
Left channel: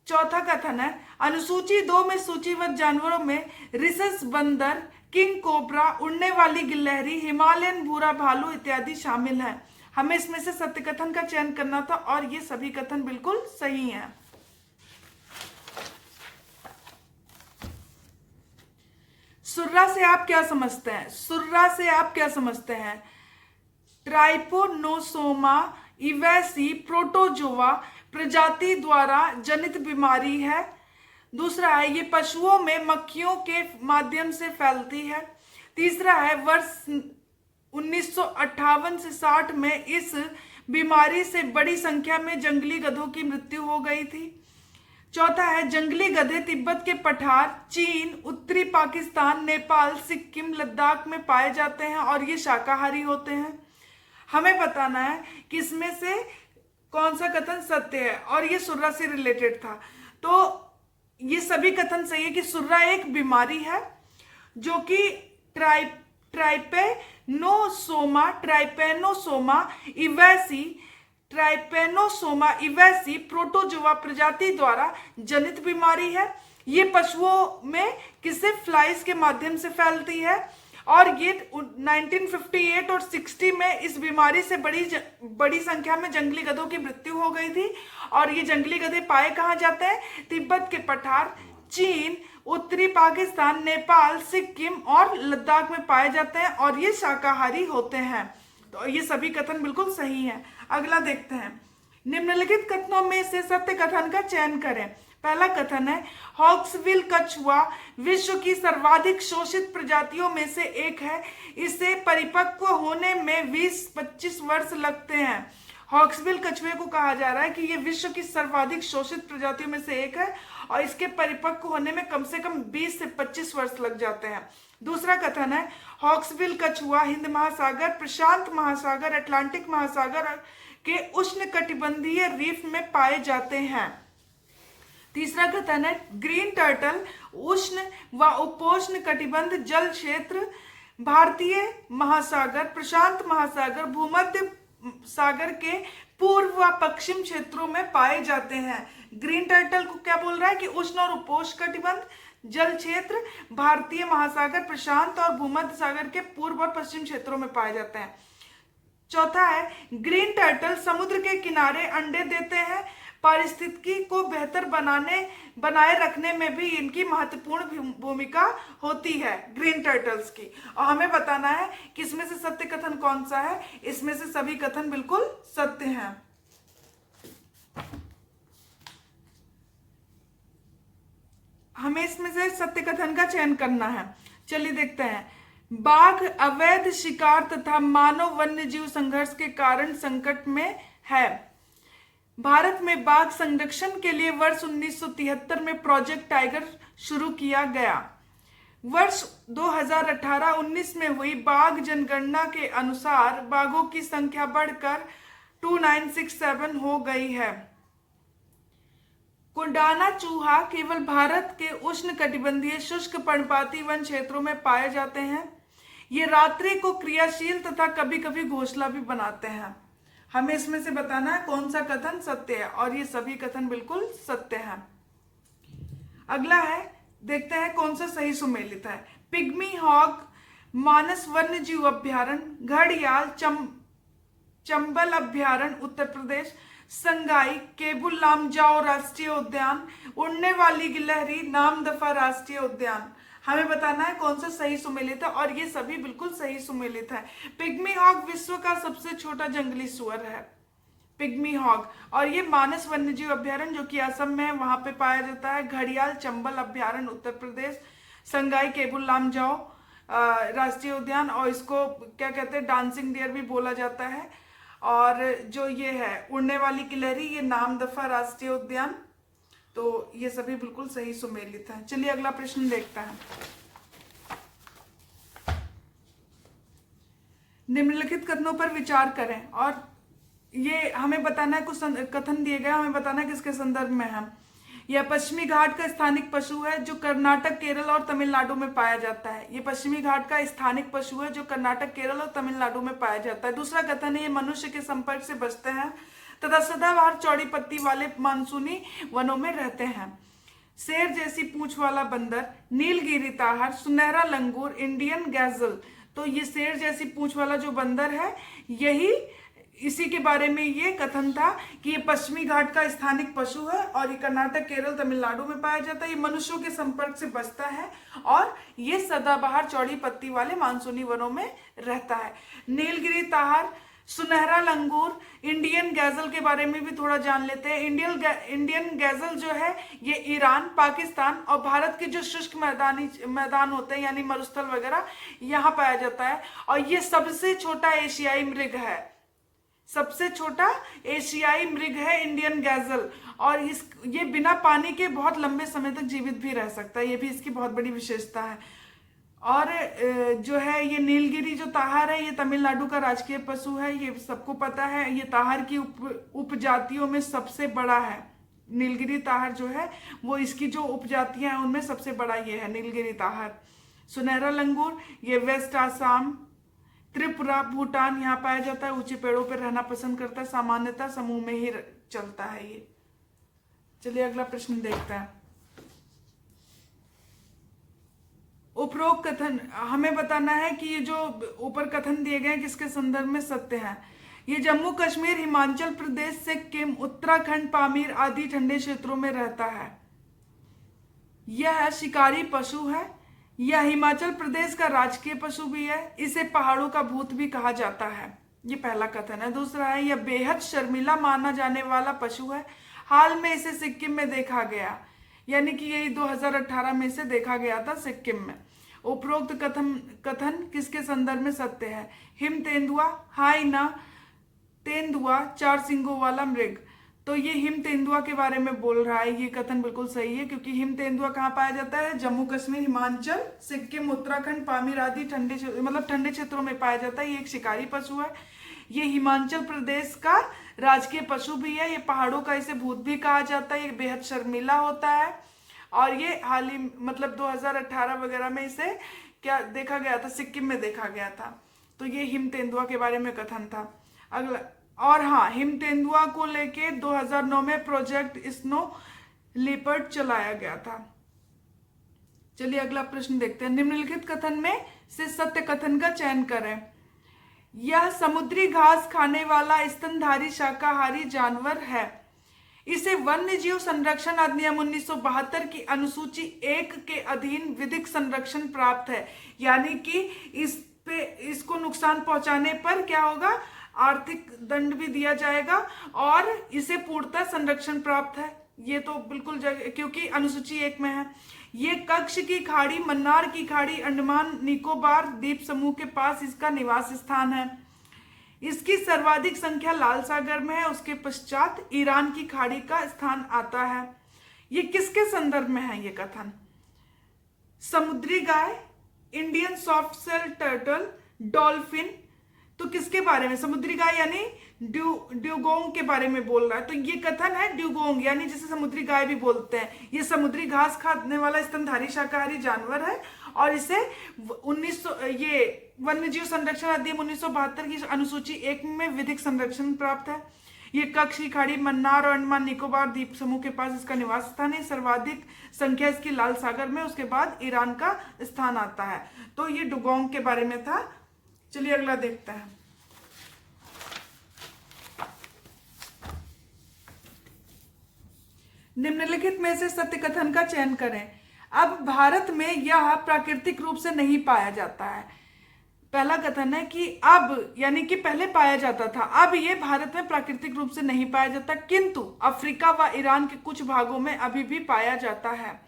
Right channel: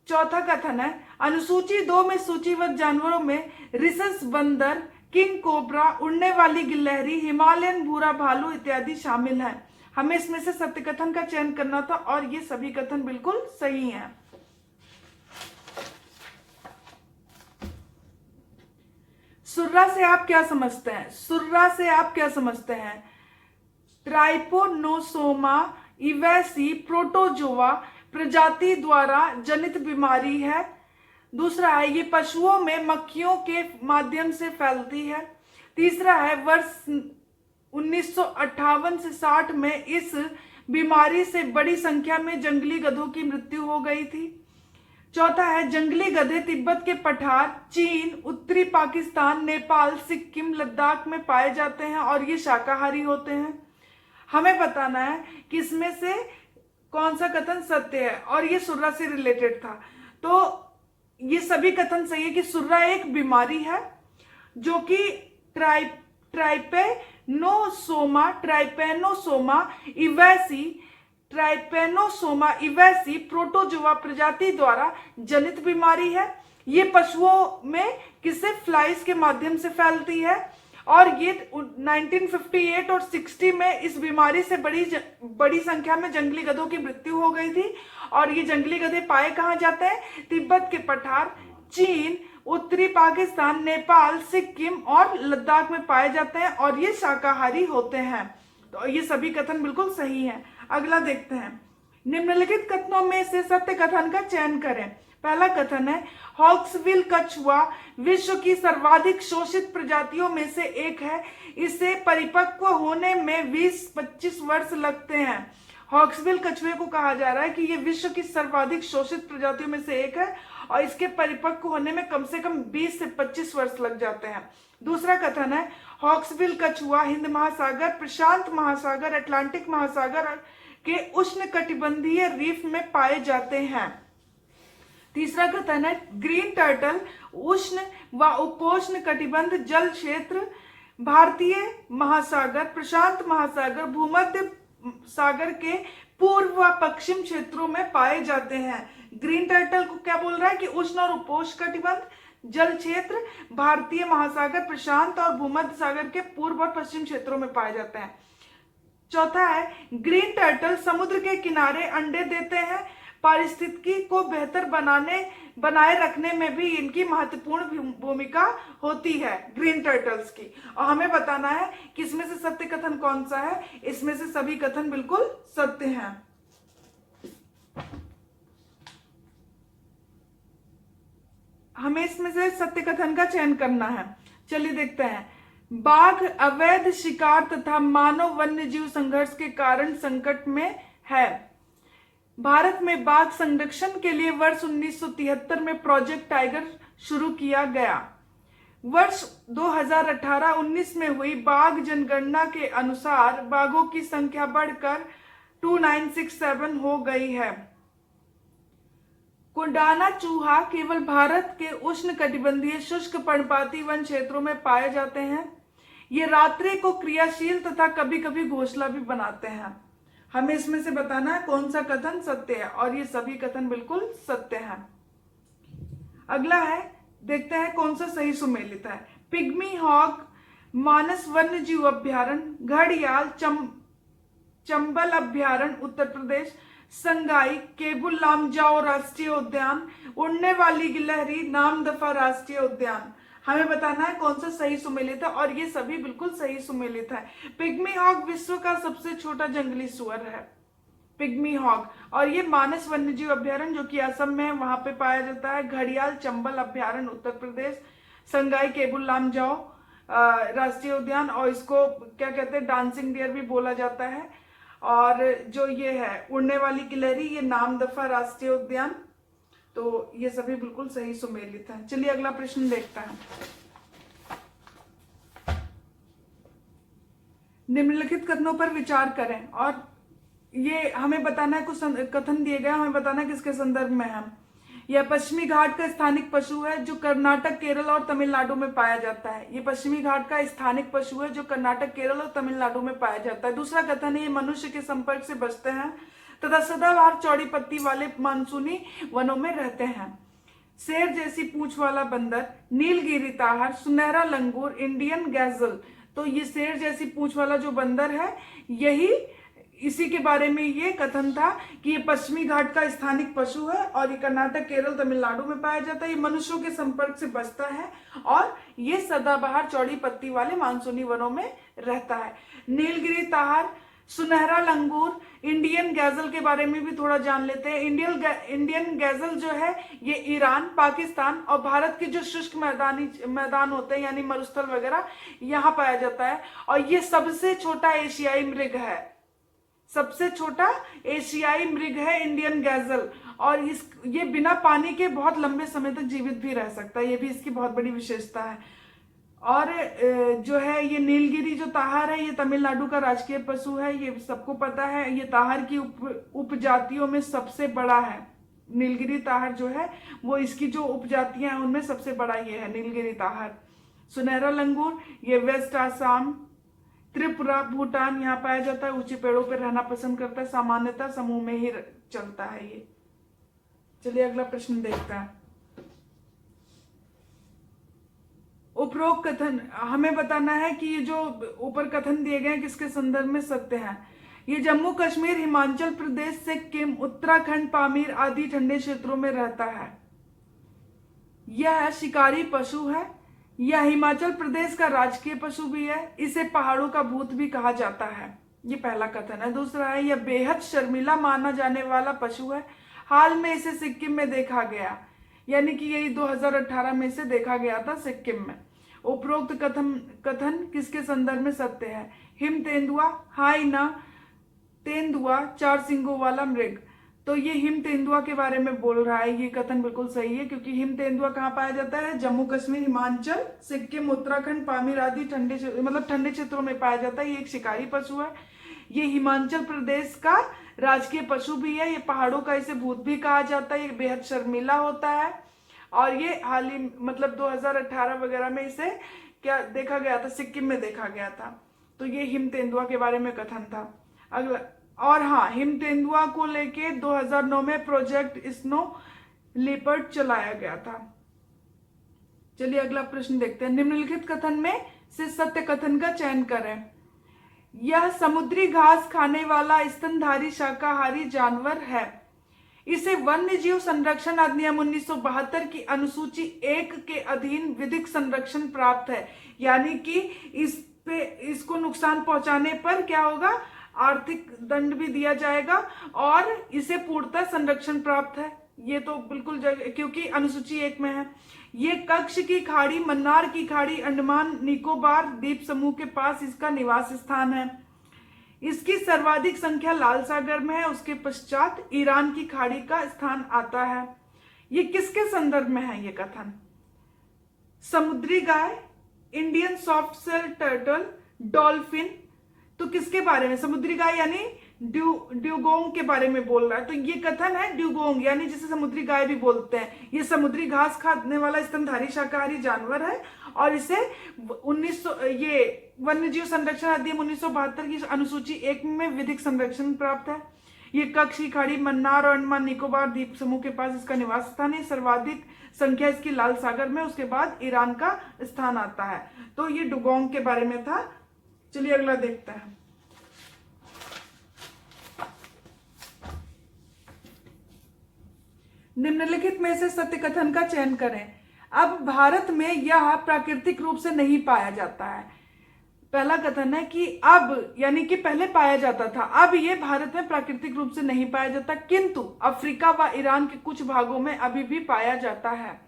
चौथा कथन है अनुसूची 2 में सूचीबद्ध जानवरों में रिसस बंदर, किंग कोबरा, उड़ने वाली गिलहरी, हिमालयन भूरा भालू इत्यादि शामिल हैं। हमें इसमें से सत्य कथन का चयन करना था और ये सभी कथन बिल्कुल सही हैं। सुर्रा से आप क्या समझते हैं? सुर्रा से आप क्या समझते हैं? ट्राइपोनोसोमा इवैसी प्रोटोजोआ प्रजाति द्वारा जनित बीमारी है। दूसरा है ये पशुओं में मक्खियों के माध्यम से फैलती है। तीसरा है वर्ष 1958 से 60 में इस बीमारी से बड़ी संख्या में जंगली गधों की मृत्यु हो गई थी। चौथा है जंगली गधे तिब्बत के पठार, चीन, उत्तरी पाकिस्तान, नेपाल, सिक्किम, लद्दाख में पाए जाते हैं और ये शाकाहारी होते हैं। हमें बताना है कि इसमें से कौन सा कथन सत्य है, और ये सुर्रा से रिलेटेड था। तो ये सभी कथन सही है कि सुर्रा एक बीमारी है जो कि ट्राइपेनोसोमा इवैसी प्रोटोजोआ प्रजाति द्वारा जनित बीमारी है। ये पशुओं में किससे, फ्लाइज के माध्यम से फैलती है और ये 1958 और 60 में इस बीमारी से बड़ी संख्या में जंगली गधों की मृत्यु हो गई थी। और ये जंगली गधे पाए कहाँ जाते हैं? तिब्बत के पठार, चीन, उत्तरी पाकिस्तान, नेपाल, सिक्किम और लद्दाख में पाए जाते हैं और ये शाकाहारी होते हैं। तो ये सभी कथन बिल्कुल सही हैं। अगला देखते हैं। निम्नलिखित कथनों में से सत्य कथन का चयन करें। पहला कथन है, हॉक्सविल कछुआ विश्व की सर्वाधिक शोषित प्रजातियों में से एक है। इसे परिपक्व होने में 20-25 वर्ष लगते हैं। हॉक्सविल कछुए को कहा जा रहा है कि ये विश्व की सर्वाधिक शोषित प्रजातियों में से एक है और इसके परिपक्व होने में कम से कम 20 से 25 वर्ष लग जाते हैं। दूसरा कथन है, हॉक्सविल कछुआ हिंद महासागर, प्रशांत महासागर, अटलांटिक महासागर के उष्ण कटिबंधीय रीफ में पाए जाते हैं। तीसरा कथन है, ग्रीन टर्टल उष्ण व उपोष्ण कटिबंध जल क्षेत्र, भारतीय महासागर, प्रशांत महासागर, भूमध्य सागर के पूर्व व पश्चिम क्षेत्रों में पाए जाते हैं। ग्रीन टर्टल को क्या बोल रहा है कि उष्ण और उपोष्ण कटिबंध जल क्षेत्र, भारतीय महासागर, प्रशांत और भूमध्य सागर के पूर्व और पश्चिम क्षेत्रों में पाए जाते हैं। चौथा है, ग्रीन टर्टल समुद्र के किनारे अंडे देते हैं। पारिस्थितिकी को बेहतर बनाए रखने में भी इनकी महत्वपूर्ण भूमिका होती है, ग्रीन टर्टल्स की। और हमें बताना है कि इसमें से सत्य कथन कौन सा है। इसमें से सभी कथन बिल्कुल सत्य हैं। हमें इसमें से सत्य कथन का चयन करना है। चलिए देखते हैं। बाघ अवैध शिकार तथा मानव वन्य जीव संघर्ष के कारण संकट में है। भारत में बाघ संरक्षण के लिए वर्ष 1973 में प्रोजेक्ट टाइगर शुरू किया गया। वर्ष 2018-19 में हुई बाघ जनगणना के अनुसार बाघों की संख्या बढ़कर 2967 हो गई है। कुंडाना चूहा केवल भारत के उष्ण कटिबंधीय शुष्क पर्णपाती वन क्षेत्रों में पाए जाते हैं। ये रात्रि को क्रियाशील तथा कभी कभी घोंसला भी बनाते हैं। हमें इसमें से बताना है कौन सा कथन सत्य है, और ये सभी कथन बिल्कुल सत्य हैं। अगला है, देखते हैं कौन सा सही सुमेलित है। पिग्मी हॉग मानस वन्य जीव अभ्यारण्य, घड़ियाल चंबल अभ्यारण्य उत्तर प्रदेश, संगाई केबुल लामजाओ राष्ट्रीय उद्यान, उड़ने वाली गिलहरी नामदफा राष्ट्रीय उद्यान। हमें बताना है कौन सा सही सुमेलित है, और ये सभी बिल्कुल सही सुमेलित है। पिग्मी हॉग विश्व का सबसे छोटा जंगली सुअर है, पिग्मी हॉग, और ये मानस वन्यजीव अभ्यारण्य जो कि असम में है वहां पे पाया जाता है। घड़ियाल चंबल अभ्यारण्य उत्तर प्रदेश, संगाई केबुल लामजाओ राष्ट्रीय उद्यान, और इसको क्या कहते हैं, डांसिंग डियर भी बोला जाता है। और जो ये है उड़ने वाली गिलहरी, ये नामदफा राष्ट्रीय उद्यान। तो ये सभी बिल्कुल सही सुमेलित है। चलिए अगला प्रश्न देखते हैं। निम्नलिखित कथनों पर विचार करें, और ये हमें बताना है, कुछ कथन दिए गए, हमें बताना है किसके संदर्भ में है। यह पश्चिमी घाट का स्थानिक पशु है जो कर्नाटक, केरल और तमिलनाडु में पाया जाता है। ये पश्चिमी घाट का स्थानिक पशु है जो कर्नाटक, केरल और तमिलनाडु में पाया जाता है। दूसरा कथन है, ये मनुष्य के संपर्क से बचते हैं तथा सदाबहार चौड़ी पत्ती वाले मानसूनी वनों में रहते हैं। शेर जैसी पूंछ वाला बंदर, नीलगिरी ताहर, सुनहरा लंगूर, इंडियन गैजल। तो ये शेर जैसी पूंछ वाला जो बंदर है, यही इसी के बारे में ये कथन था कि ये पश्चिमी घाट का स्थानिक पशु है और ये कर्नाटक, केरल, तमिलनाडु में पाया जाता है। ये मनुष्यों के संपर्क से बचता है और ये सदाबहार चौड़ी पत्ती वाले मानसूनी वनों में रहता है। नीलगिरी ताहर, सुनहरा लंगूर, इंडियन गैजल के बारे में भी थोड़ा जान लेते हैं। इंडियन गैजल जो है ये ईरान, पाकिस्तान और भारत के जो शुष्क मैदान होते हैं यानी मरुस्थल वगैरह, यहाँ पाया जाता है। और ये सबसे छोटा एशियाई मृग है, सबसे छोटा एशियाई मृग है इंडियन गैजल। और ये बिना पानी के बहुत लंबे समय तक जीवित भी रह सकता है, ये भी इसकी बहुत बड़ी विशेषता है। और जो है ये नीलगिरी जो ताहर है, ये तमिलनाडु का राजकीय पशु है, ये सबको पता है। ये ताहर की उपजातियों में सबसे बड़ा है। नीलगिरी ताहर जो है वो इसकी जो उपजातियां हैं उनमें सबसे बड़ा ये है नीलगिरी ताहर। सुनहरा लंगूर ये वेस्ट आसाम, त्रिपुरा, भूटान यहाँ पाया जाता है। ऊंचे पेड़ों पर रहना पसंद करता है, सामान्यतः समूह में ही चलता है ये। चलिए अगला प्रश्न देखते हैं। उपरोक्त कथन हमें बताना है कि ये जो ऊपर कथन दिए गए किसके संदर्भ में सत्य है। ये जम्मू कश्मीर, हिमाचल प्रदेश, सिक्किम, उत्तराखंड, पामीर आदि ठंडे क्षेत्रों में रहता है। यह शिकारी पशु है। यह हिमाचल प्रदेश का राजकीय पशु भी है। इसे पहाड़ों का भूत भी कहा जाता है। ये पहला कथन है। दूसरा है, यह बेहद शर्मीला माना जाने वाला पशु है। हाल में इसे सिक्किम में देखा गया। यानी कि यही 2018 में से देखा गया था सिक्किम में। उपरोक्त कथन किसके संदर्भ में सत्य है? हिम तेंदुआ, हाइना तेंदुआ चार सिंगों वाला मृग। तो ये हिम तेंदुआ के बारे में बोल रहा है। ये कथन बिल्कुल सही है, क्योंकि हिम तेंदुआ कहाँ पाया जाता है? जम्मू कश्मीर, हिमाचल, सिक्किम, उत्तराखंड, पामीर आदि ठंडे क्षेत्रों में पाया जाता है। ये एक शिकारी पशु है। ये हिमाचल प्रदेश का राजकीय पशु भी है। ये पहाड़ों का इसे भूत भी कहा जाता है। ये बेहद शर्मीला होता है और ये हाल ही 2018 वगैरह में इसे क्या देखा गया था? सिक्किम में देखा गया था। तो ये हिम तेंदुआ के बारे में कथन था। अगला, और हाँ, हिम तेंदुआ को लेके 2009 में प्रोजेक्ट स्नो लिपर्ड चलाया गया था। चलिए अगला प्रश्न देखते हैं। निम्नलिखित कथन में से सत्य कथन का चयन करें। यह समुद्री घास खाने वाला स्तनधारी शाकाहारी जानवर है। इसे वन्य जीव संरक्षण अधिनियम 1972 की अनुसूची 1 के अधीन विधिक संरक्षण प्राप्त है। यानी कि इसको नुकसान पहुंचाने पर क्या होगा? आर्थिक दंड भी दिया जाएगा और इसे पूर्णतः संरक्षण प्राप्त है। ये तो बिल्कुल क्योंकि अनुसूची 1 में है। ये कच्छ की खाड़ी, मन्नार की खाड़ी, अंडमान निकोबार द्वीप समूह के पास इसका निवास स्थान है। इसकी सर्वाधिक संख्या लाल सागर में है। उसके पश्चात ईरान की खाड़ी का स्थान आता है। ये किसके संदर्भ में है ये कथन? समुद्री गाय, Indian soft shell turtle, dolphin. तो किसके बारे में? समुद्री गाय यानी ड्यूगोंग के बारे में बोल रहा है। तो ये कथन है ड्यूगोंग, यानी जिसे समुद्री गाय भी बोलते हैं। ये समुद्री घास खाने वाला स्तनधारी शाकाहारी जानवर है और इसे ये वन्य जीव संरक्षण अधिनियम 1972 की अनुसूची 1 में विधिक संरक्षण प्राप्त है। ये कच्छ की खाड़ी, मन्नार और अंडमान निकोबार द्वीप समूह के पास इसका निवास स्थान है। सर्वाधिक संख्या इसकी लाल सागर में, उसके बाद ईरान का स्थान आता है। तो ये डुगोंग के बारे में था। चलिए अगला देखते हैं। निम्नलिखित में से सत्य कथन का चयन करें। अब भारत में यह प्राकृतिक रूप से नहीं पाया जाता है। पहला कथन है कि अब, यानी कि पहले पाया जाता था, अब ये भारत में प्राकृतिक रूप से नहीं पाया जाता, किंतु अफ्रीका व ईरान के कुछ भागों में अभी भी पाया जाता है।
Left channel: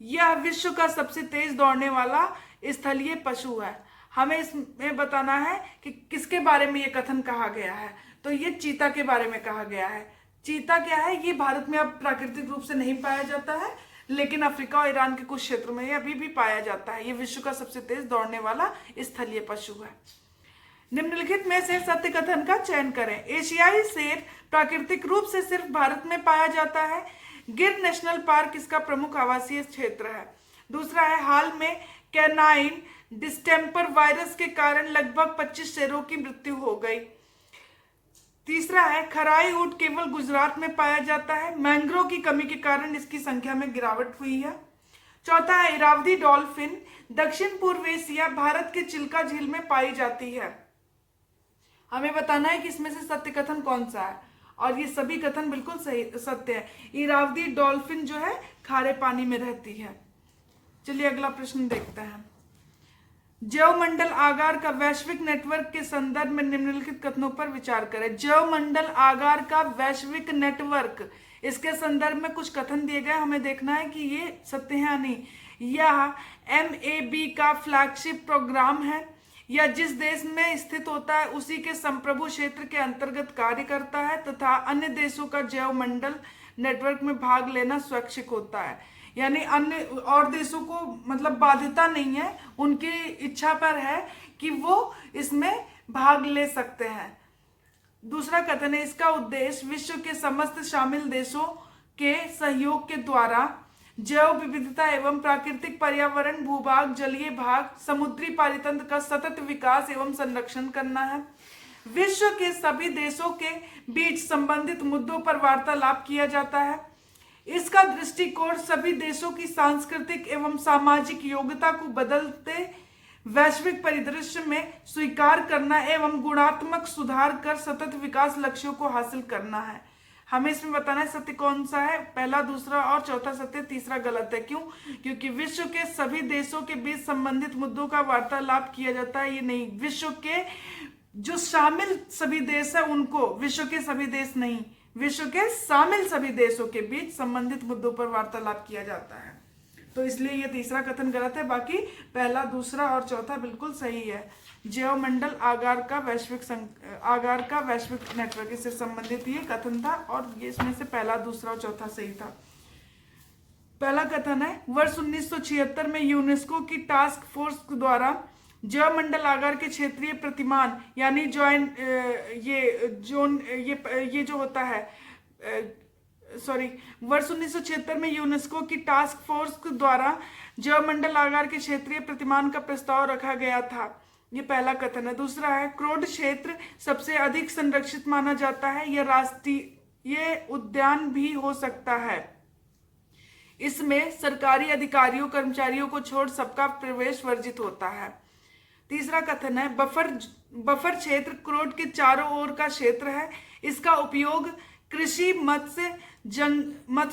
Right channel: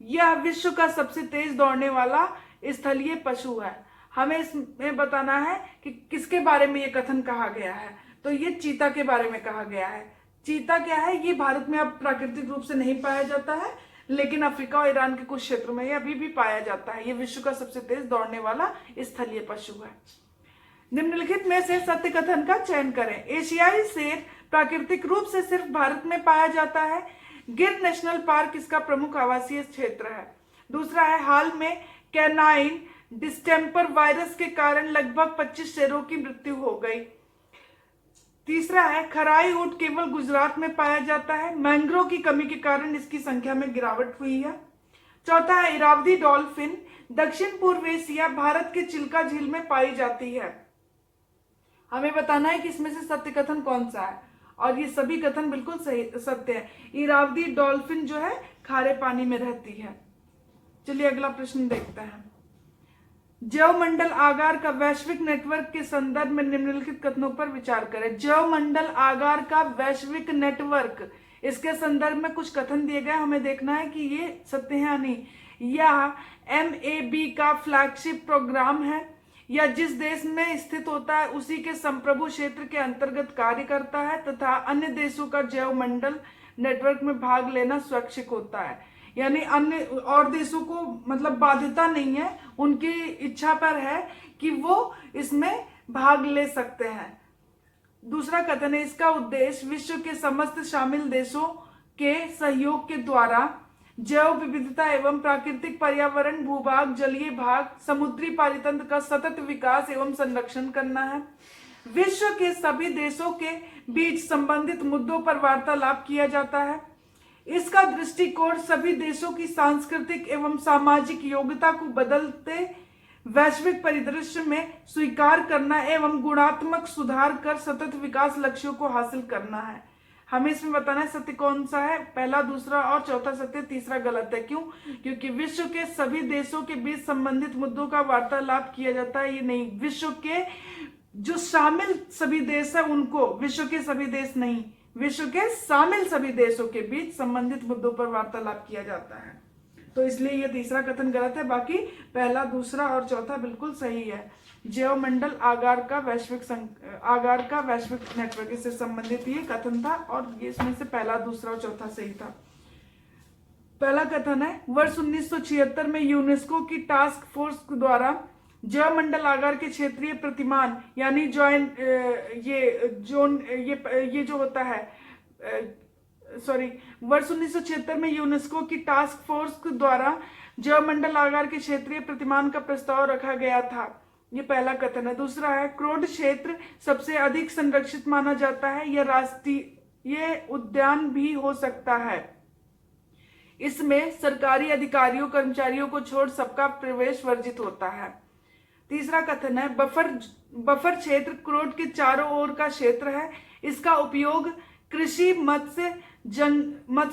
यह विश्व का सबसे तेज दौड़ने वाला स्थलीय पशु है। हमें इसमें बताना है कि किसके बारे में ये कथन कहा गया है। तो ये चीता के बारे में कहा गया है। चीता क्या है? ये भारत में अब प्राकृतिक रूप से नहीं पाया जाता है, लेकिन अफ्रीका और ईरान के कुछ क्षेत्रों में ये अभी भी पाया जाता है। ये विश्व का सबसे तेज दौड़ने वाला स्थलीय पशु है। निम्नलिखित में से सत्य कथन का चयन करें। एशियाई शेर प्राकृतिक रूप से सिर्फ भारत में पाया जाता है। गिर नेशनल पार्क इसका प्रमुख आवासीय क्षेत्र है। दूसरा है, हाल में कैनाइन डिस्टेम्पर वायरस के कारण लगभग 25 शेरों की मृत्यु हो गई। तीसरा है, खराई ऊंट केवल गुजरात में पाया जाता है। मैंग्रोव की कमी के कारण इसकी संख्या में गिरावट हुई है। चौथा है, इरावदी डॉल्फिन दक्षिण पूर्व एशिया, भारत के चिल्का झील में पाई जाती है। हमें बताना है कि इसमें से सत्य कथन कौन सा है, और ये सभी कथन बिल्कुल सही सत्य है। इरावदी डॉल्फिन जो है खारे पानी में रहती है। चलिए अगला प्रश्न देखते हैं। जैवमंडल आगार का वैश्विक नेटवर्क के संदर्भ में निम्नलिखित कथनों पर विचार करें। जैवमंडल आगार का वैश्विक नेटवर्क, इसके संदर्भ में कुछ कथन दिए गए, हमें देखना है कि ये सत्य है या नहीं। यह MAB का फ्लैगशिप प्रोग्राम है। यह जिस देश में स्थित होता है उसी के संप्रभु क्षेत्र के अंतर्गत कार्य करता है तथा अन्य देशों का जैवमंडल नेटवर्क में भाग लेना स्वैच्छिक होता है। यानी अन्य और देशों को बाध्यता नहीं है, उनकी इच्छा पर है कि वो इसमें भाग ले सकते हैं। दूसरा कथन है, इसका उद्देश्य विश्व के समस्त शामिल देशों के सहयोग के द्वारा जैव विविधता एवं प्राकृतिक पर्यावरण, भूभाग, जलीय भाग, समुद्री पारितंत्र का सतत विकास एवं संरक्षण करना है। विश्व के सभी देशों के बीच संबंधित मुद्दों पर वार्तालाप किया जाता है। इसका दृष्टिकोण सभी देशों की सांस्कृतिक एवं सामाजिक योग्यता को बदलते वैश्विक परिदृश्य में स्वीकार करना एवं गुणात्मक सुधार कर सतत विकास लक्ष्यों को हासिल करना है। हमें इसमें बताना है सत्य कौन सा है। पहला, दूसरा और चौथा सत्य, तीसरा गलत है। क्यों? क्योंकि विश्व के सभी देशों के बीच संबंधित मुद्दों का वार्तालाप किया जाता है, ये नहीं। विश्व के जो शामिल सभी देश है उनको, विश्व के सभी देश नहीं, विश्व के शामिल सभी देशों के बीच संबंधित मुद्दों पर वार्तालाप किया जाता है। तो इसलिए ये तीसरा कथन गलत है, बाकी पहला, दूसरा और चौथा बिल्कुल सही है। जैव मंडल आगार का वैश्विक नेटवर्क, इससे संबंधित ये कथन था और ये इसमें से पहला, दूसरा और चौथा सही था। पहला कथन है, वर्ष 1976 में यूनेस्को की टास्क फोर्स द्वारा जैव मंडल आगार के क्षेत्रीय प्रतिमान यानी ये जो होता है वर्ष 1976 में यूनेस्को की टास्क फोर्स द्वारा जैव मंडल आगार के क्षेत्रीय प्रतिमान का प्रस्ताव रखा गया था। ये पहला कथन है। दूसरा है, क्रोड क्षेत्र सबसे अधिक संरक्षित माना जाता है, यह राष्ट्रीय उद्यान भी हो सकता है। इसमें सरकारी अधिकारियों कर्मचारियों को छोड़ सबका प्रवेश वर्जित होता है। तीसरा कथन है, बफर क्षेत्र क्रोड के चारों ओर का क्षेत्र है। इसका उपयोग कृषि, मत्स्य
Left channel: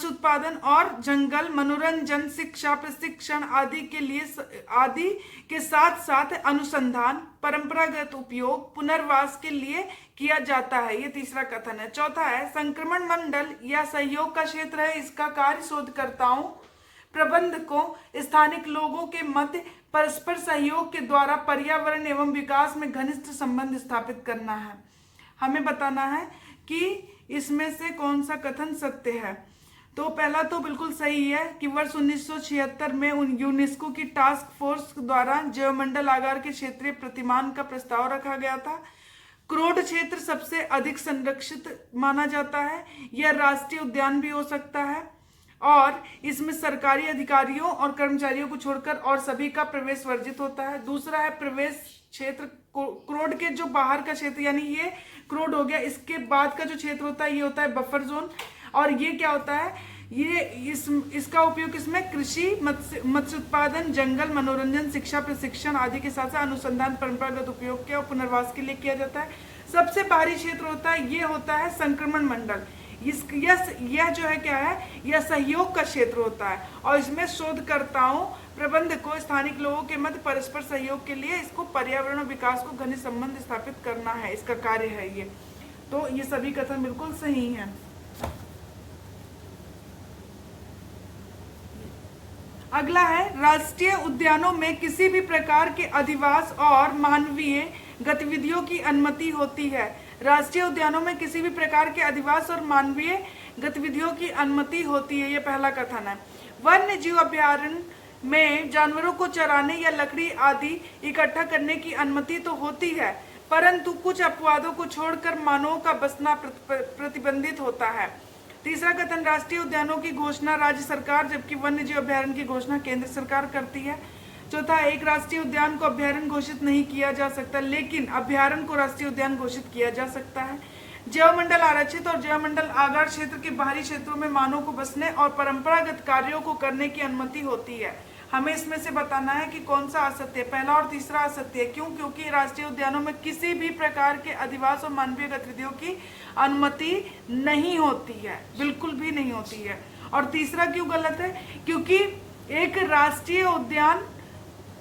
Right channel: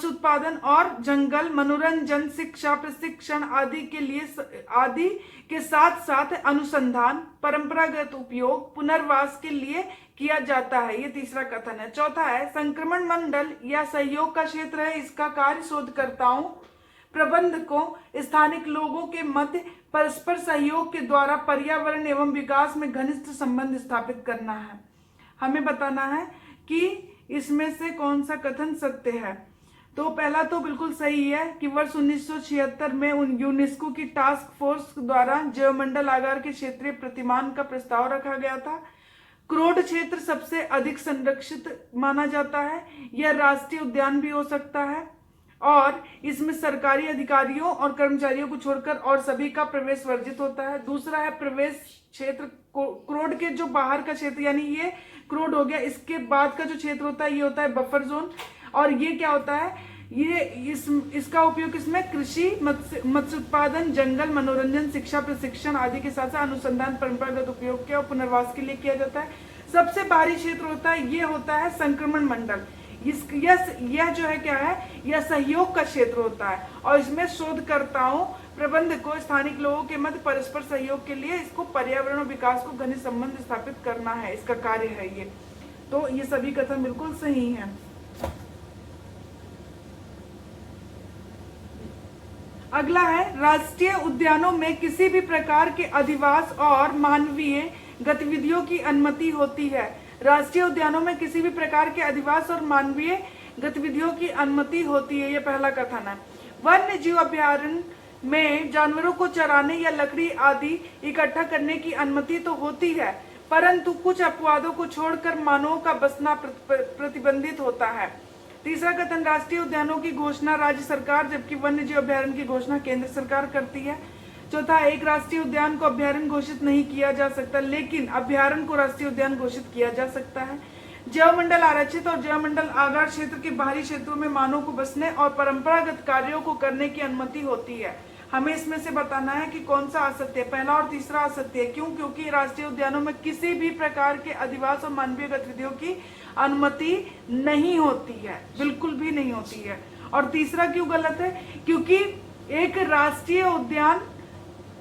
उत्पादन और जंगल, मनोरंजन, शिक्षा, प्रशिक्षण आदि के साथ साथ अनुसंधान, परंपरागत उपयोग, पुनर्वास के लिए किया जाता है। ये तीसरा कथन है। चौथा है, संक्रमण मंडल या सहयोग का क्षेत्र है। इसका कार्य शोधकर्ताओं, प्रबंधकों, स्थानिक लोगों के मध्य परस्पर सहयोग के द्वारा पर्यावरण एवं विकास में घनिष्ठ संबंध स्थापित करना है। हमें बताना है कि इसमें से कौन सा कथन सत्य है। तो पहला तो बिल्कुल सही है कि वर्ष 1976 में यूनेस्को की टास्क फोर्स द्वारा जैवमंडल आगार के क्षेत्रीय प्रतिमान का प्रस्ताव रखा गया था। क्रोड क्षेत्र सबसे अधिक संरक्षित माना जाता है, यह राष्ट्रीय उद्यान भी हो सकता है और इसमें सरकारी अधिकारियों और कर्मचारियों को छोड़कर और सभी का प्रवेश वर्जित होता है। दूसरा है, प्रवेश क्षेत्र क्रोड के जो बाहर का क्षेत्र, यानी ये क्रोड हो गया, इसके बाद का जो क्षेत्र होता है ये होता है बफर जोन। और ये क्या होता है, ये इसका उपयोग इसमें कृषि, मत्स्य उत्पादन, जंगल, मनोरंजन, शिक्षा, प्रशिक्षण आदि के साथ साथ अनुसंधान, परंपरागत उपयोग के और पुनर्वास के लिए किया जाता है। सबसे बाहरी क्षेत्र होता है, ये होता है संक्रमण मंडल। यह जो है क्या है, यह सहयोग का क्षेत्र होता है और इसमें शोधकर्ताओं, प्रबंधकों, स्थानिक लोगों के मध्य परस्पर सहयोग के लिए इसको पर्यावरण और विकास को घनिष्ठ संबंध स्थापित करना है, इसका कार्य है ये। तो ये सभी कथन बिल्कुल सही हैं। अगला है, राष्ट्रीय उद्यानों में किसी भी प्रकार के अधिवास और मानवीय गतिविधियों की अनुमति होती है। राष्ट्रीय उद्यानों में किसी भी प्रकार के अधिवास और मानवीय गतिविधियों की अनुमति होती है, यह पहला कथन है। वन्य जीव अभयारण्य में जानवरों को चराने या लकड़ी आदि इकट्ठा करने की अनुमति तो होती है, परंतु कुछ अपवादों को छोड़कर मानवों का बसना प्रतिबंधित होता है। तीसरा कथन, राष्ट्रीय उद्यानों की घोषणा राज्य सरकार जबकि वन्य जीव अभयारण्य की घोषणा केंद्र सरकार करती है। चौथा, एक राष्ट्रीय उद्यान को अभयारण्य घोषित नहीं किया जा सकता, लेकिन अभयारण्य को राष्ट्रीय उद्यान घोषित किया जा सकता है। जैवमंडल आरक्षित और जैवमंडल आगार क्षेत्र के बाहरी क्षेत्रों में मानव को बसने और परंपरागत कार्यों को करने की अनुमति होती है। हमें इसमें से बताना है कि कौन सा असत्य है। पहला और तीसरा असत्य है। क्यों? क्योंकि राष्ट्रीय उद्यानों में किसी भी प्रकार के अधिवास और मानवीय गतिविधियों की अनुमति नहीं होती है, बिल्कुल भी नहीं होती है। और तीसरा क्यों गलत है? क्योंकि एक राष्ट्रीय उद्यान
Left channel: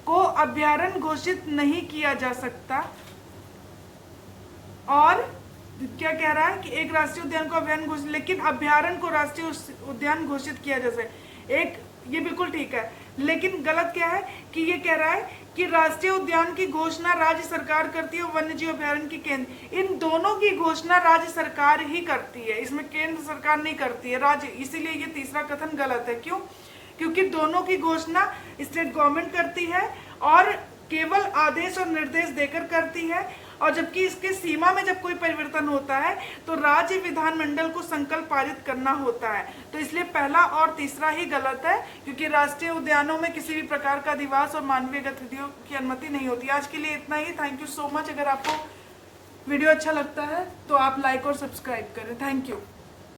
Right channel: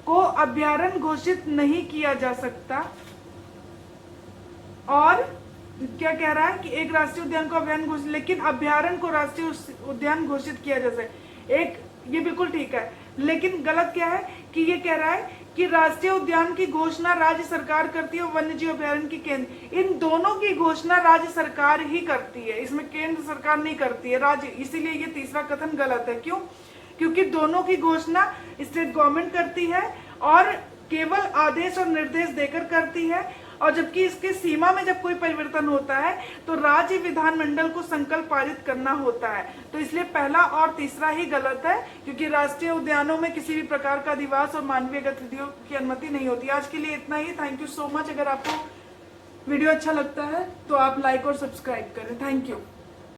को अभयारण्य घोषित नहीं किया जा सकता। और क्या कह रहा है कि एक राष्ट्रीय उद्यान को अभयारण्य घोषित, लेकिन अभयारण्य को राष्ट्रीय उद्यान घोषित किया जा सकता है। ये बिल्कुल ठीक है, लेकिन गलत क्या है कि ये कह रहा है कि राष्ट्रीय उद्यान की घोषणा राज्य सरकार करती है और वन्य जीव अभयारण्य की केंद्र, इन दोनों की घोषणा राज्य सरकार ही करती है, इसमें केंद्र सरकार नहीं करती है, राज्य। इसीलिए ये तीसरा कथन गलत है। क्यों? क्योंकि दोनों की घोषणा स्टेट गवर्नमेंट करती है और केवल आदेश और निर्देश देकर करती है, और जबकि इसके सीमा में जब कोई परिवर्तन होता है तो राज्य विधानमंडल को संकल्प पारित करना होता है। तो इसलिए पहला और तीसरा ही गलत है, क्योंकि राष्ट्रीय उद्यानों में किसी भी प्रकार का अधिवास और मानवीय गतिविधियों की अनुमति नहीं होती। आज के लिए इतना ही। Thank you so much. अगर आपको वीडियो अच्छा लगता है तो आप लाइक और सब्सक्राइब करें। Thank you.